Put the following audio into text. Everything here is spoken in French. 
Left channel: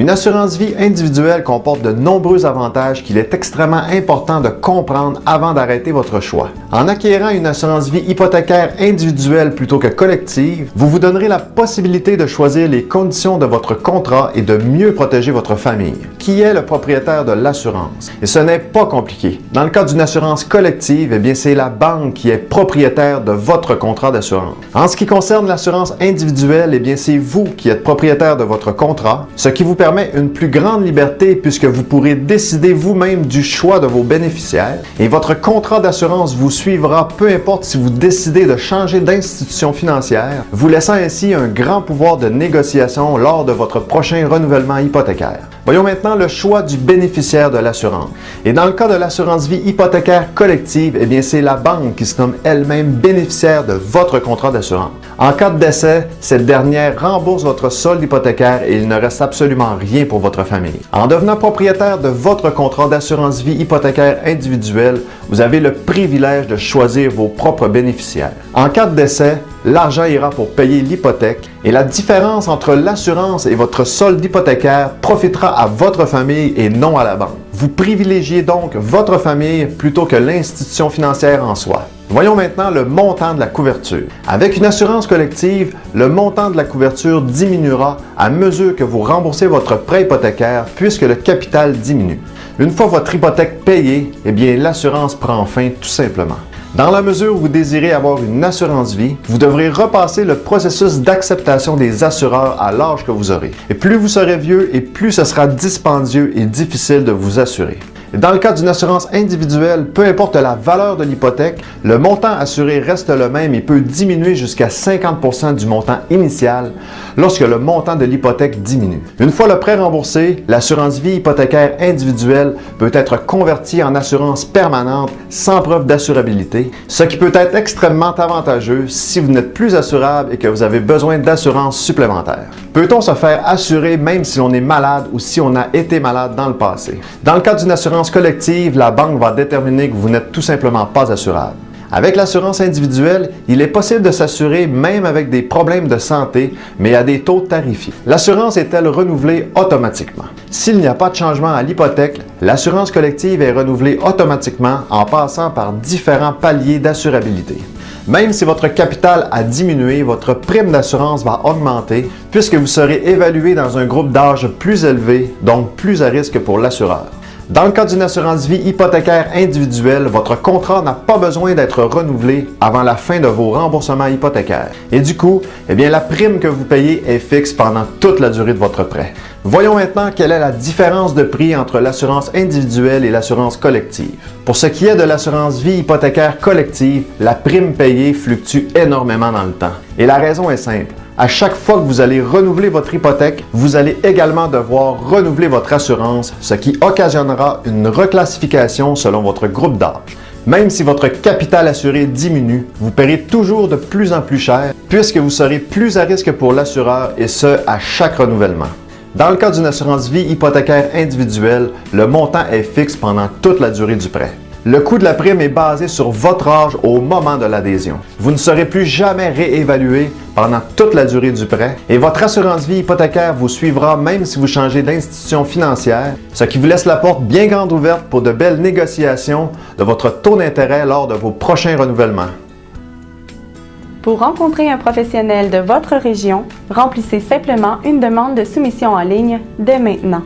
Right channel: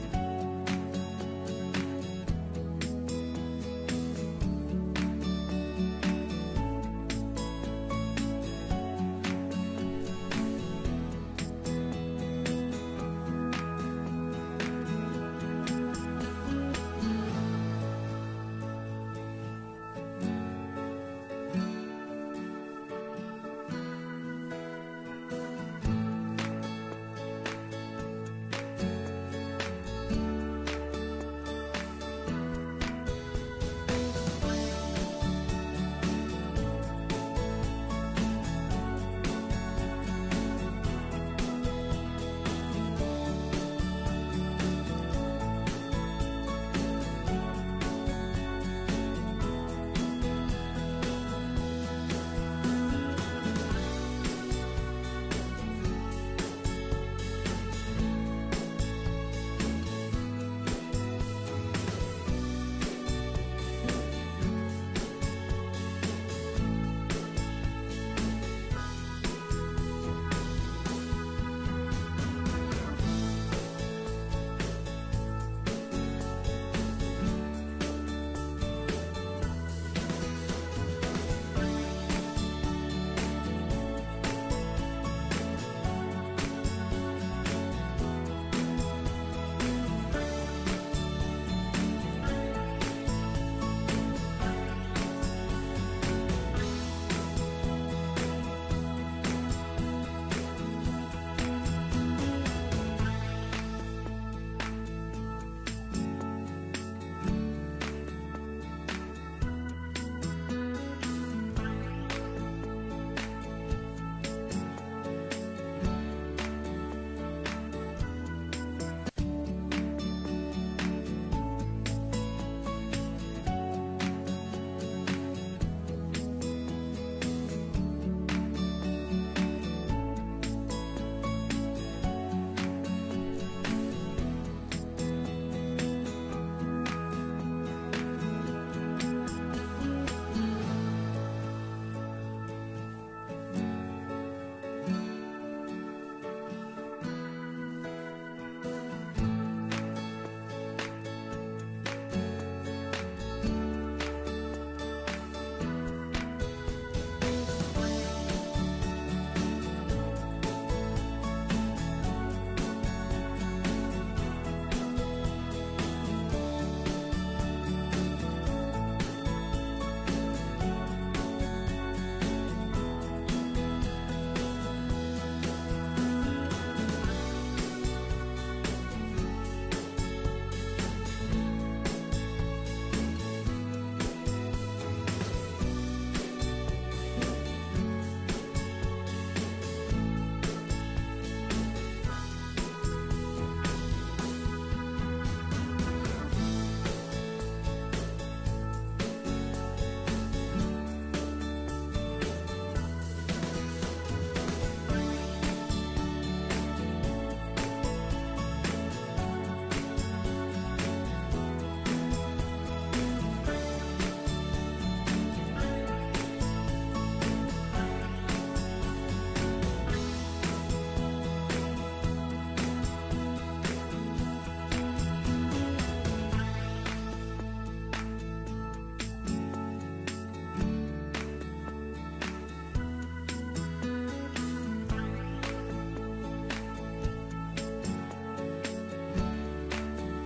Une assurance vie individuelle comporte de nombreux avantages qu'il est extrêmement important de comprendre avant d'arrêter votre choix. En acquérant une assurance vie hypothécaire individuelle plutôt que collective, vous vous donnerez la possibilité de choisir les conditions de votre contrat et de mieux protéger votre famille. Qui est le propriétaire de l'assurance? Et ce n'est pas compliqué. Dans le cas d'une assurance collective, eh bien c'est la banque qui est propriétaire de votre contrat d'assurance. En ce qui concerne l'assurance individuelle, eh bien c'est vous qui êtes propriétaire de votre contrat, ce qui vous permet une plus grande liberté puisque vous pourrez décider vous-même du choix de vos bénéficiaires et votre contrat d'assurance vous suivra peu importe si vous décidez de changer d'institution financière, vous laissant ainsi un grand pouvoir de négociation lors de votre prochain renouvellement hypothécaire. Voyons maintenant le choix du bénéficiaire de l'assurance. Et dans le cas de l'assurance vie hypothécaire collective, eh bien c'est la banque qui se nomme elle-même bénéficiaire de votre contrat d'assurance. En cas de décès, cette dernière rembourse votre solde hypothécaire et il ne reste absolument rien pour votre famille. En devenant propriétaire de votre contrat d'assurance vie hypothécaire individuelle, vous avez le privilège de choisir vos propres bénéficiaires. En cas de décès, l'argent ira pour payer l'hypothèque et la différence entre l'assurance et votre solde hypothécaire profitera à votre famille et non à la banque. Vous privilégiez donc votre famille plutôt que l'institution financière en soi. Voyons maintenant le montant de la couverture. Avec une assurance collective, le montant de la couverture diminuera à mesure que vous remboursez votre prêt hypothécaire puisque le capital diminue. Une fois votre hypothèque payée, eh bien l'assurance prend fin tout simplement. Dans la mesure où vous désirez avoir une assurance vie, vous devrez repasser le processus d'acceptation des assureurs à l'âge que vous aurez. Et plus vous serez vieux et plus ce sera dispendieux et difficile de vous assurer. Dans le cas d'une assurance individuelle, peu importe la valeur de l'hypothèque, le montant assuré reste le même et peut diminuer jusqu'à 50% du montant initial lorsque le montant de l'hypothèque diminue. Une fois le prêt remboursé, l'assurance vie hypothécaire individuelle peut être convertie en assurance permanente sans preuve d'assurabilité, ce qui peut être extrêmement avantageux si vous n'êtes plus assurable et que vous avez besoin d'assurance supplémentaire. Peut-on se faire assurer même si l'on est malade ou si on a été malade dans le passé? Dans le cas d'une assurance collective, la banque va déterminer que vous n'êtes tout simplement pas assurable. Avec l'assurance individuelle, il est possible de s'assurer même avec des problèmes de santé, mais à des taux tarifiés. L'assurance est-elle renouvelée automatiquement? S'il n'y a pas de changement à l'hypothèque, l'assurance collective est renouvelée automatiquement en passant par différents paliers d'assurabilité. Même si votre capital a diminué, votre prime d'assurance va augmenter puisque vous serez évalué dans un groupe d'âge plus élevé, donc plus à risque pour l'assureur. Dans le cas d'une assurance vie hypothécaire individuelle, votre contrat n'a pas besoin d'être renouvelé avant la fin de vos remboursements hypothécaires. Et du coup, eh bien, la prime que vous payez est fixe pendant toute la durée de votre prêt. Voyons maintenant quelle est la différence de prix entre l'assurance individuelle et l'assurance collective. Pour ce qui est de l'assurance vie hypothécaire collective, la prime payée fluctue énormément dans le temps. Et la raison est simple. À chaque fois que vous allez renouveler votre hypothèque, vous allez également devoir renouveler votre assurance, ce qui occasionnera une reclassification selon votre groupe d'âge. Même si votre capital assuré diminue, vous paierez toujours de plus en plus cher puisque vous serez plus à risque pour l'assureur et ce, à chaque renouvellement. Dans le cas d'une assurance vie hypothécaire individuelle, le montant est fixe pendant toute la durée du prêt. Le coût de la prime est basé sur votre âge au moment de l'adhésion. Vous ne serez plus jamais réévalué pendant toute la durée du prêt et votre assurance vie hypothécaire vous suivra même si vous changez d'institution financière, ce qui vous laisse la porte bien grande ouverte pour de belles négociations de votre taux d'intérêt lors de vos prochains renouvellements. Pour rencontrer un professionnel de votre région, remplissez simplement une demande de soumission en ligne dès maintenant.